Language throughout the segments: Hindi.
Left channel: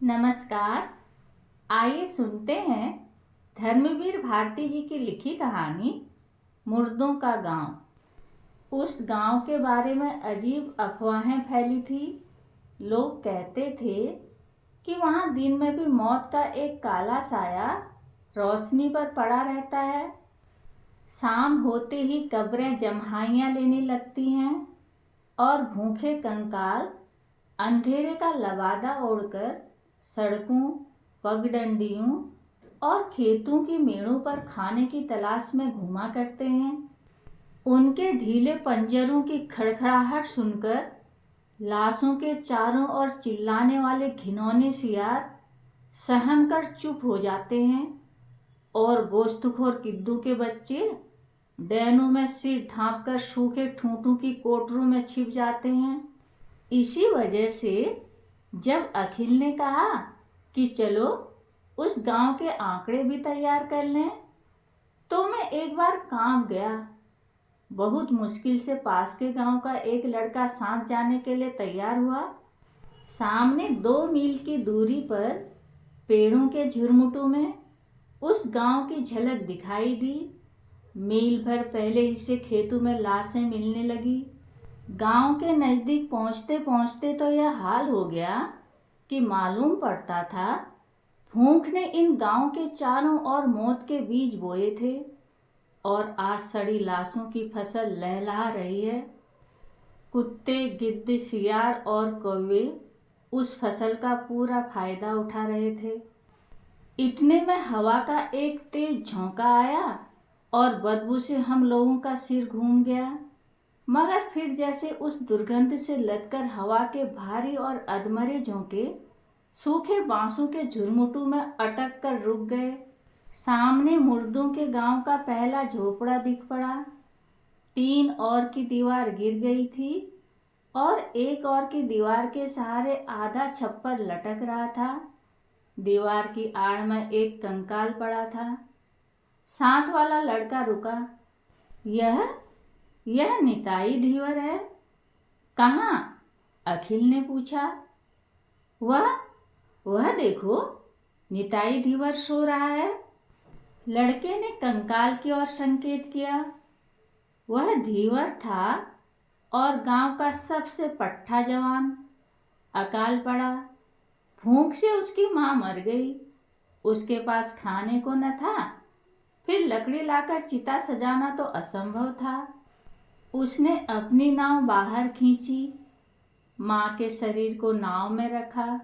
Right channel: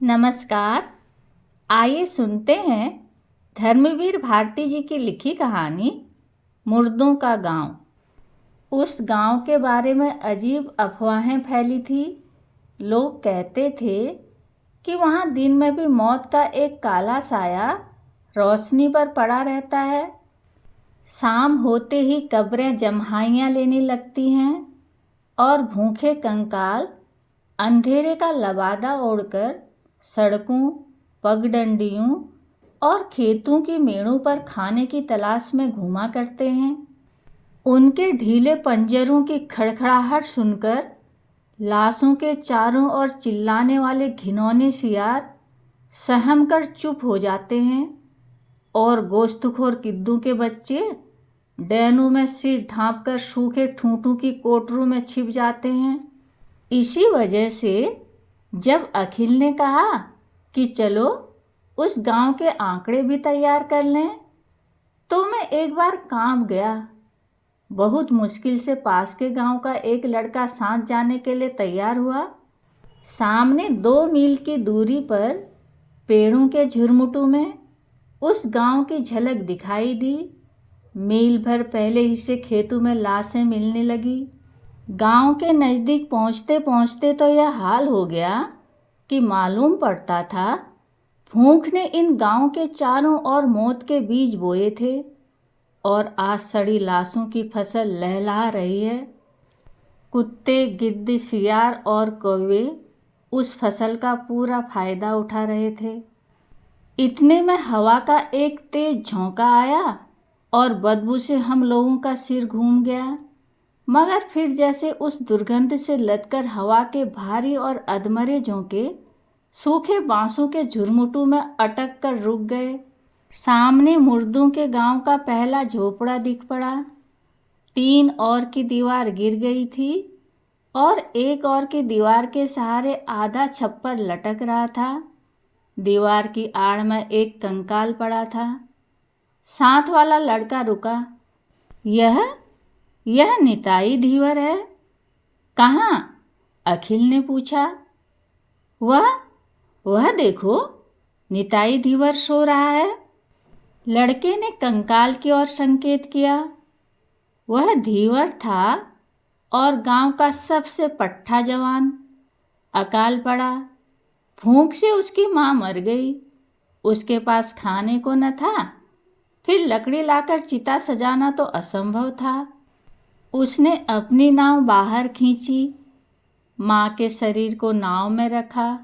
नमस्कार। आइए सुनते हैं धर्मवीर भारती जी की लिखी कहानी मुर्दों का गांव। उस गांव के बारे में अजीब अफवाहें फैली थी। लोग कहते थे कि वहां दिन में भी मौत का एक काला साया रोशनी पर पड़ा रहता है। शाम होते ही कब्रें जम्हाइयाँ लेने लगती हैं और भूखे कंकाल अंधेरे का लबादा ओढ़कर सड़कों, पगडंडियों और खेतों की मेड़ों पर खाने की तलाश में घूमा करते हैं। उनके ढीले पंजरों की खड़खड़ाहट सुनकर लाशों के चारों ओर चिल्लाने वाले घिनौने सियार सहम कर चुप हो जाते हैं और गोश्तखोर किद्दू के बच्चे डैनों में सिर ढांपकर सूखे ठूंठों की कोटरों में छिप जाते हैं। इसी वजह से जब अखिल ने कहा कि चलो उस गांव के आंकड़े भी तैयार कर लें, तो मैं एक बार कांप गया। बहुत मुश्किल से पास के गांव का एक लड़का साथ जाने के लिए तैयार हुआ। सामने 2 मील की दूरी पर पेड़ों के झुरमुटों में उस गांव की झलक दिखाई दी। मील भर पहले ही से खेतों में लाशें मिलने लगी। गांव के नज़दीक पहुंचते पहुंचते तो यह हाल हो गया कि मालूम पड़ता था भूख ने इन गांव के चारों ओर मौत के बीज बोए थे और आज सड़ी लाशों की फसल लहलहा रही है। कुत्ते, गिद्ध, सियार और कौवे उस फसल का पूरा फायदा उठा रहे थे। इतने में हवा का एक तेज झोंका आया और बदबू से हम लोगों का सिर घूम गया, मगर फिर जैसे उस दुर्गंध से लदकर हवा के भारी और अधमरे झोंके सूखे बांसों के झुरमुटों में अटक कर रुक गए। सामने मुर्दों के गांव का पहला झोपड़ा दिख पड़ा। 3 और की दीवार गिर गई थी और एक और की दीवार के सहारे आधा छप्पर लटक रहा था। दीवार की आड़ में एक कंकाल पड़ा था। साथ वाला लड़का रुका। यह निताई धीवर है। कहाँ? अखिल ने पूछा। वह देखो, निताई धीवर सो रहा है। लड़के ने कंकाल की ओर संकेत किया। वह धीवर था और गांव का सबसे पट्टा जवान। अकाल पड़ा। भूख से उसकी माँ मर गई। उसके पास खाने को न था। फिर लकड़ी लाकर चिता सजाना तो असंभव था। उसने अपनी नाव बाहर खींची, माँ के शरीर को नाव में रखा,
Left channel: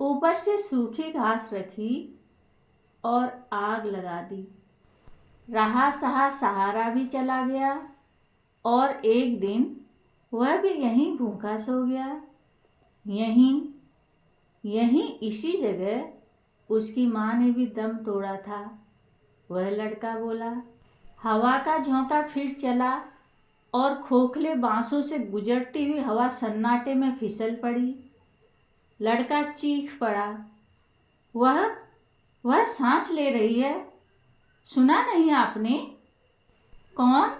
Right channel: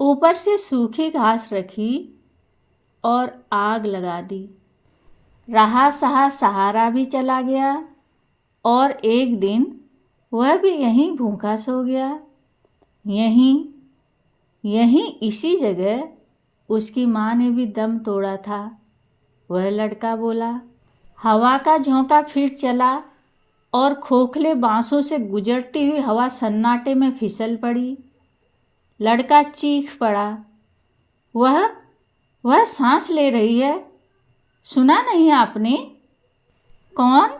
ऊपर से सूखी घास रखी और आग लगा दी। रहा सहा सहारा भी चला गया और एक दिन वह भी यहीं भूखा सो गया। यहीं इसी जगह उसकी माँ ने भी दम तोड़ा था। वह लड़का बोला। हवा का झोंका फिर चला और खोखले बांसों से गुजरती हुई हवा सन्नाटे में फिसल पड़ी। लड़का चीख पड़ा। वह सांस ले रही है। सुना नहीं आपने? कौन?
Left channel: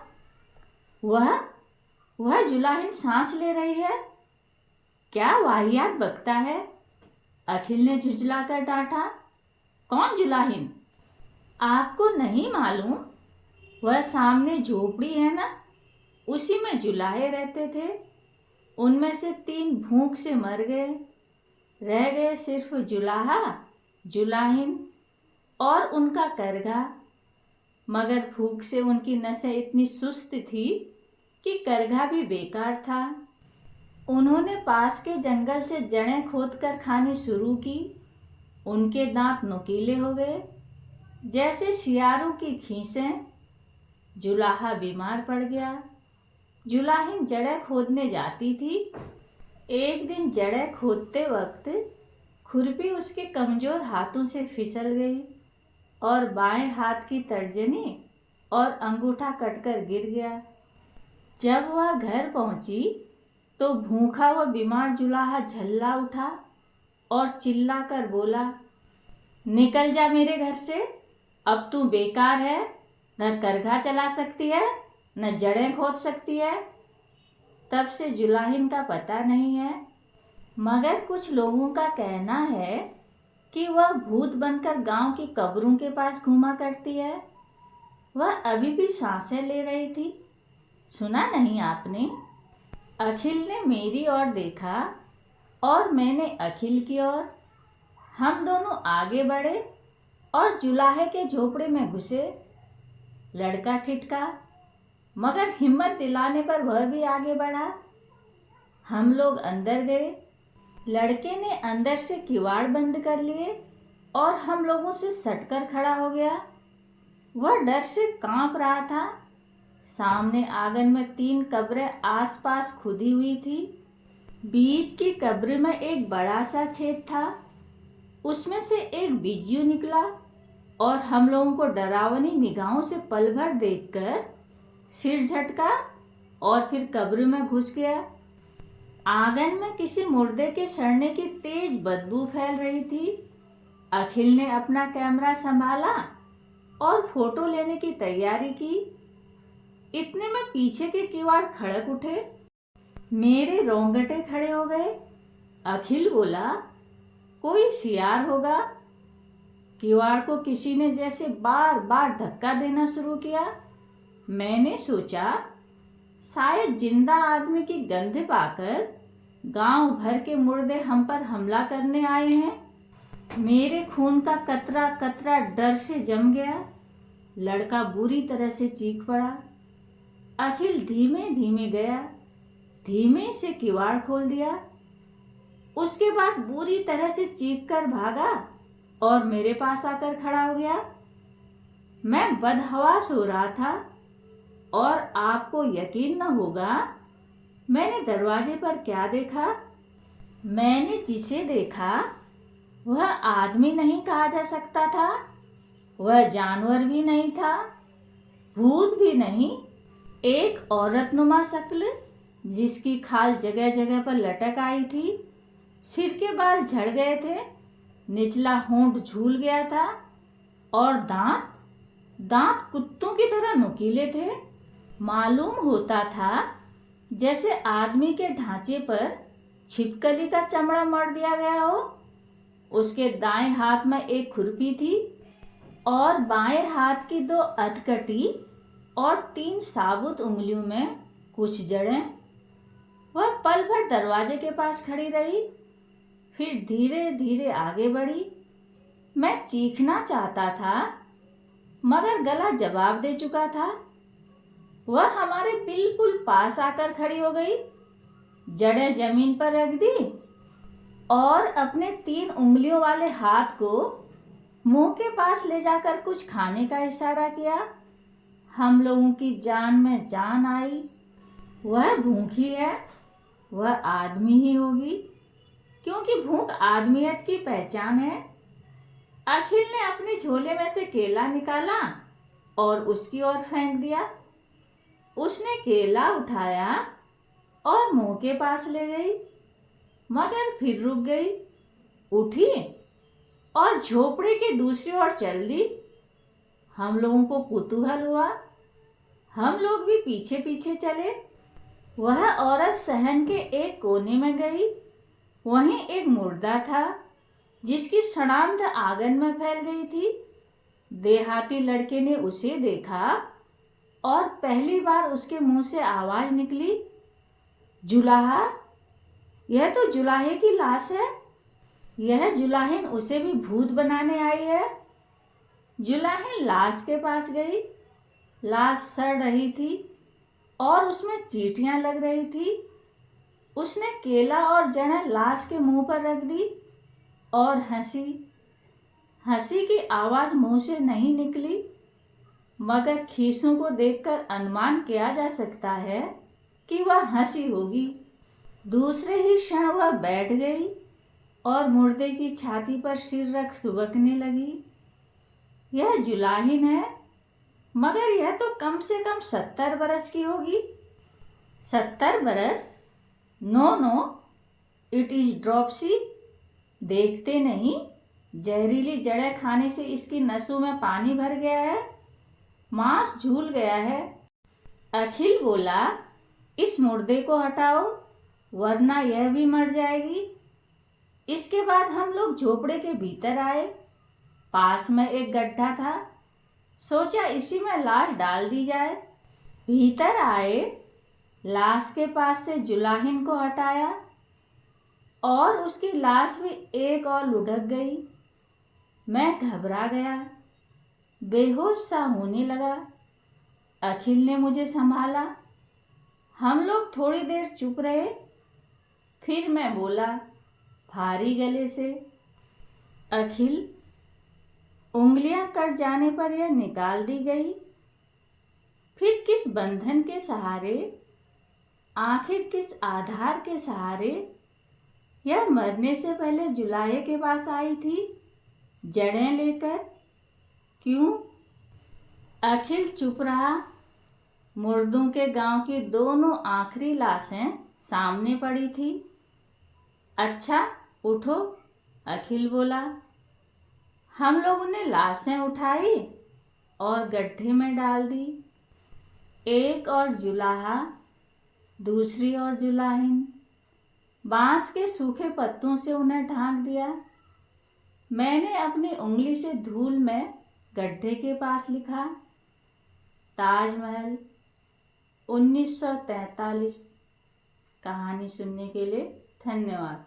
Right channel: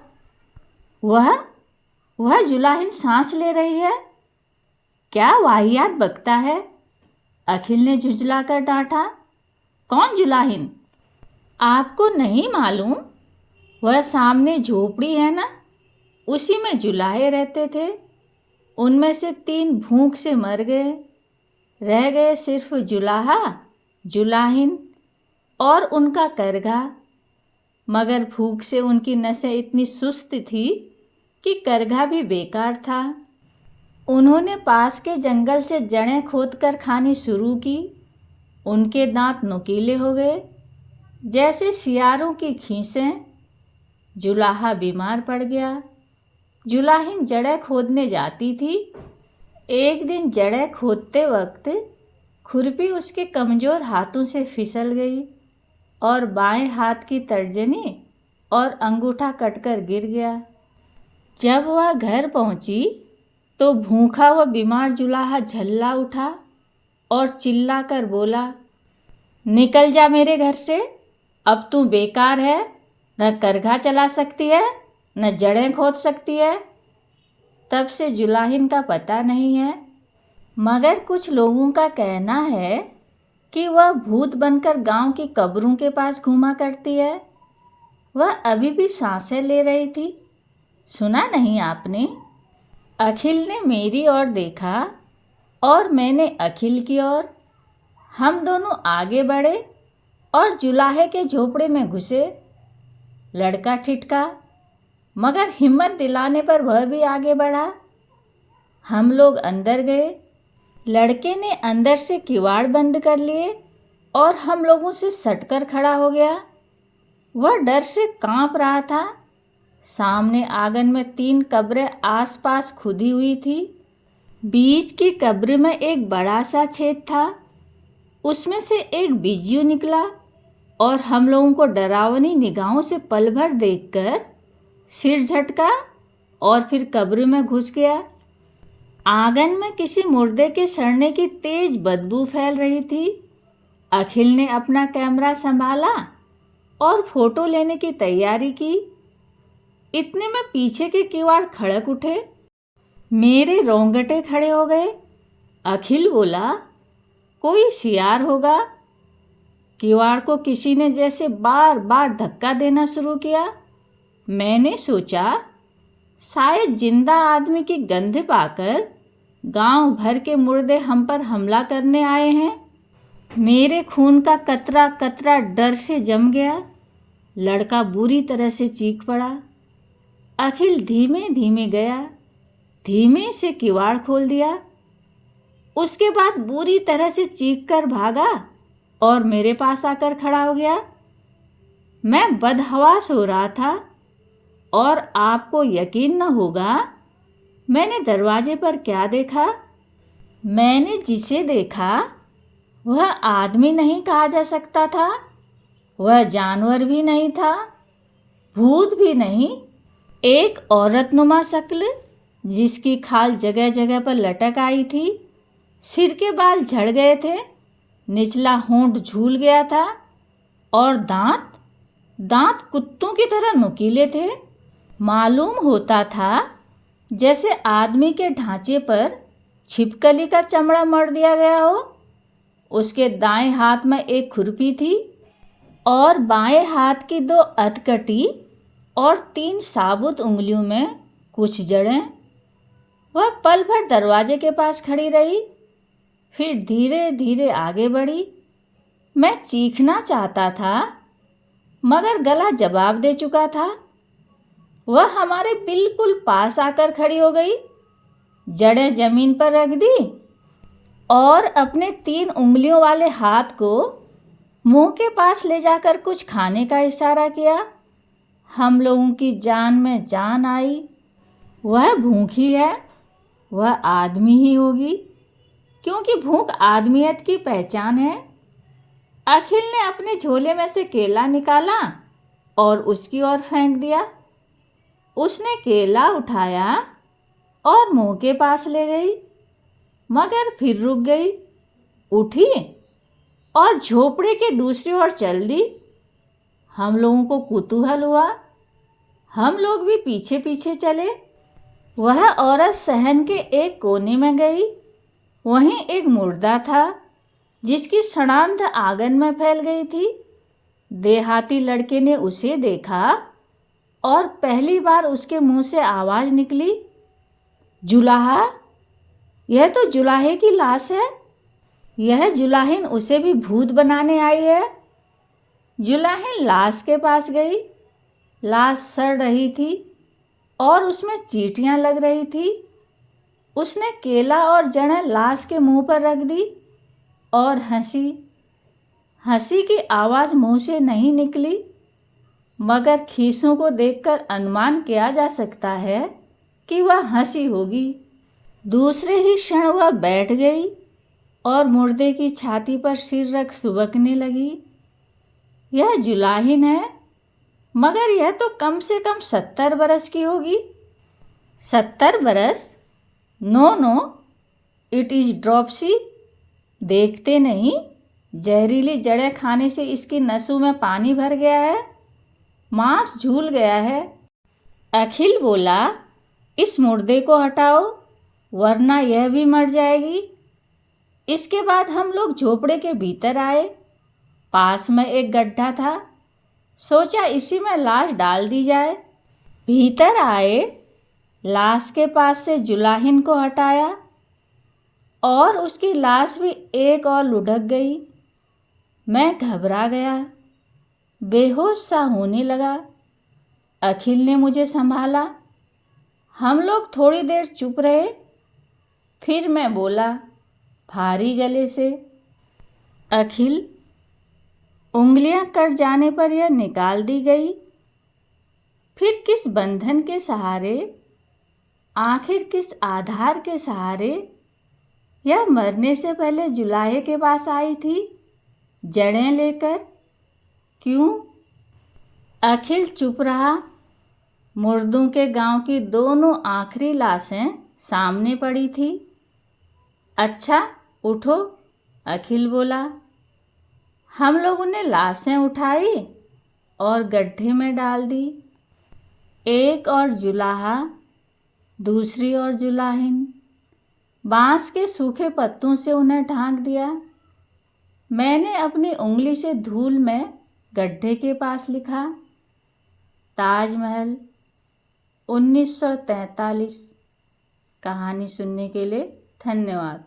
वह जुलाहिन सांस ले रही है। क्या वाहियात बकता है? अखिल ने झुंझलाकर डांटा। कौन जुलाहिन? आपको नहीं मालूम? वह सामने झोपड़ी है ना, उसी में जुलाहे रहते थे। उनमें से 3 भूख से मर गए। रह गए सिर्फ जुलाहा, जुलाहिन और उनका करघा। मगर भूख से उनकी नसें इतनी सुस्त थी कि करघा भी बेकार था। उन्होंने पास के जंगल से जड़ें खोदकर खानी शुरू की। उनके दांत नुकीले हो गए जैसे सियारों की खीसें। जुलाहा बीमार पड़ गया। जुलाहिन जड़ें खोदने जाती थी। एक दिन जड़ें खोदते वक्त खुरपी उसके कमज़ोर हाथों से फिसल गई और बाएं हाथ की तर्जनी और अंगूठा कटकर गिर गया। जब वह घर पहुंची तो भूखा व बीमार जुलाहा झल्ला उठा और चिल्लाकर बोला, निकल जा मेरे घर से। अब तू बेकार है, न करघा चला सकती है न जड़ें खोद सकती है। तब से जुलाहिन का पता नहीं है। मगर कुछ लोगों का कहना है कि वह भूत बनकर गांव की कब्रों के पास घूमा करती है। वह अभी भी सांसें ले रही थी। सुना नहीं आपने? अखिल ने मेरी ओर देखा और मैंने अखिल की ओर। हम दोनों आगे बढ़े और जुलाहे के झोपड़े में घुसे। लड़का ठिठका, मगर हिम्मत दिलाने पर वह भी आगे बढ़ा। हम लोग अंदर गए। लड़के ने अंदर से किवाड़ बंद कर लिए और हम लोगों से सटकर खड़ा हो गया। वह डर से कांप रहा था। सामने आंगन में 3 कब्रें आसपास खुदी हुई थी। बीच की कब्र में एक बड़ा सा छेद था। उसमें से एक बिज्जू निकला और हम लोगों को डरावनी निगाहों से पल भर देखकर सिर झटका और फिर कब्र में घुस गया। आंगन में किसी मुर्दे के सड़ने की तेज बदबू फैल रही थी। अखिल ने अपना कैमरा संभाला और फोटो लेने की तैयारी की। इतने में पीछे के किवाड़ खड़क उठे। मेरे रोंगटे खड़े हो गए। अखिल बोला, कोई सियार होगा। किवाड़ को किसी ने जैसे बार बार धक्का देना शुरू किया। मैंने सोचा शायद जिंदा आदमी की गंध पाकर गांव भर के मुर्दे हम पर हमला करने आए हैं। मेरे खून का कतरा कतरा डर से जम गया। लड़का बुरी तरह से चीख पड़ा। अखिल धीमे धीमे गया, धीमे से किवाड़ खोल दिया। उसके बाद बुरी तरह से चीख कर भागा और मेरे पास आकर खड़ा हो गया। मैं बदहवास हो रहा था और आपको यकीन न होगा मैंने दरवाजे पर क्या देखा। मैंने जिसे देखा वह आदमी नहीं कहा जा सकता था, वह जानवर भी नहीं था, भूत भी नहीं। एक औरतनुमा शक्ल जिसकी खाल जगह जगह पर लटक आई थी, सिर के बाल झड़ गए थे, निचला होंठ झूल गया था और दांत कुत्तों की तरह नुकीले थे। मालूम होता था जैसे आदमी के ढांचे पर छिपकली का चमड़ा मढ़ दिया गया हो। उसके दाएं हाथ में एक खुरपी थी और बाएं हाथ की 2 अधकटी और 3 साबुत उंगलियों में कुछ जड़ें। वह पल भर दरवाजे के पास खड़ी रही, फिर धीरे धीरे आगे बढ़ी। मैं चीखना चाहता था मगर गला जवाब दे चुका था। वह हमारे बिल्कुल पास आकर खड़ी हो गई, जड़ें जमीन पर रख दी और अपने 3 उंगलियों वाले हाथ को मुंह के पास ले जाकर कुछ खाने का इशारा किया। हम लोगों की जान में जान आई। वह भूखी है, वह आदमी ही होगी, क्योंकि भूख आदमियत की पहचान है। अखिल ने अपने झोले में से केला निकाला और उसकी ओर फेंक दिया। उसने केला उठाया और मुंह के पास ले गई, मगर फिर रुक गई, उठी और झोपड़े के दूसरी ओर चल दी। हम लोगों को कुतूहल हुआ। हम लोग भी पीछे पीछे चले। वह औरत सहन के एक कोने में गई। वहीं एक मुर्दा था जिसकी सड़ांध आंगन में फैल गई थी। देहाती लड़के ने उसे देखा और पहली बार उसके मुंह से आवाज निकली, जुलाहा, यह तो जुलाहे की लाश है। यह जुलाहिन उसे भी भूत बनाने आई है। जुलाहिन लाश के पास गई। लाश सड़ रही थी और उसमें चींटियां लग रही थी। उसने केला और जड़ें लाश के मुंह पर रख दी और हंसी। हंसी की आवाज मुंह से नहीं निकली, मगर खीसों को देखकर अनुमान किया जा सकता है कि वह हंसी होगी। दूसरे ही क्षण वह बैठ गई और मुर्दे की छाती पर सिर रख सुबकने लगी। यह जुलाहिन है, मगर यह तो कम से कम 70 बरस की होगी। 70 बरस? No, it is dropsy. देखते नहीं, जहरीली जड़ें खाने से इसकी नसों में पानी भर गया है, मांस झूल गया है। अखिल बोला, इस मुर्दे को हटाओ वरना यह भी मर जाएगी। इसके बाद हम लोग झोपड़े के भीतर आए। पास में एक गड्ढा था, सोचा इसी में लाश डाल दी जाए। भीतर आए, लाश के पास से जुलाहिन को हटाया और उसकी लाश भी एक और लुढ़क गई। मैं घबरा गया, बेहोश सा होने लगा। अखिल ने मुझे संभाला। हम लोग थोड़ी देर चुप रहे, फिर मैं बोला भारी गले से, अखिल, उंगलियां कट जाने पर यह निकाल दी गई, फिर किस बंधन के सहारे, आखिर किस आधार के सहारे यह मरने से पहले जुलाहे के पास आई थी, जड़ें लेकर? क्यों? अखिल चुप रहा। मुर्दों के गांव की दोनों आखिरी लाशें सामने पड़ी थी। अच्छा, उठो, अखिल बोला। हम लोगों ने लाशें उठाई और गड्ढे में डाल दी। एक और जुलाहा, दूसरी और जुलाहिन। बांस के सूखे पत्तों से उन्हें ढांक दिया। मैंने अपनी उंगली से धूल में गड्ढे के पास लिखा, ताजमहल 1943। कहानी सुनने के लिए धन्यवाद।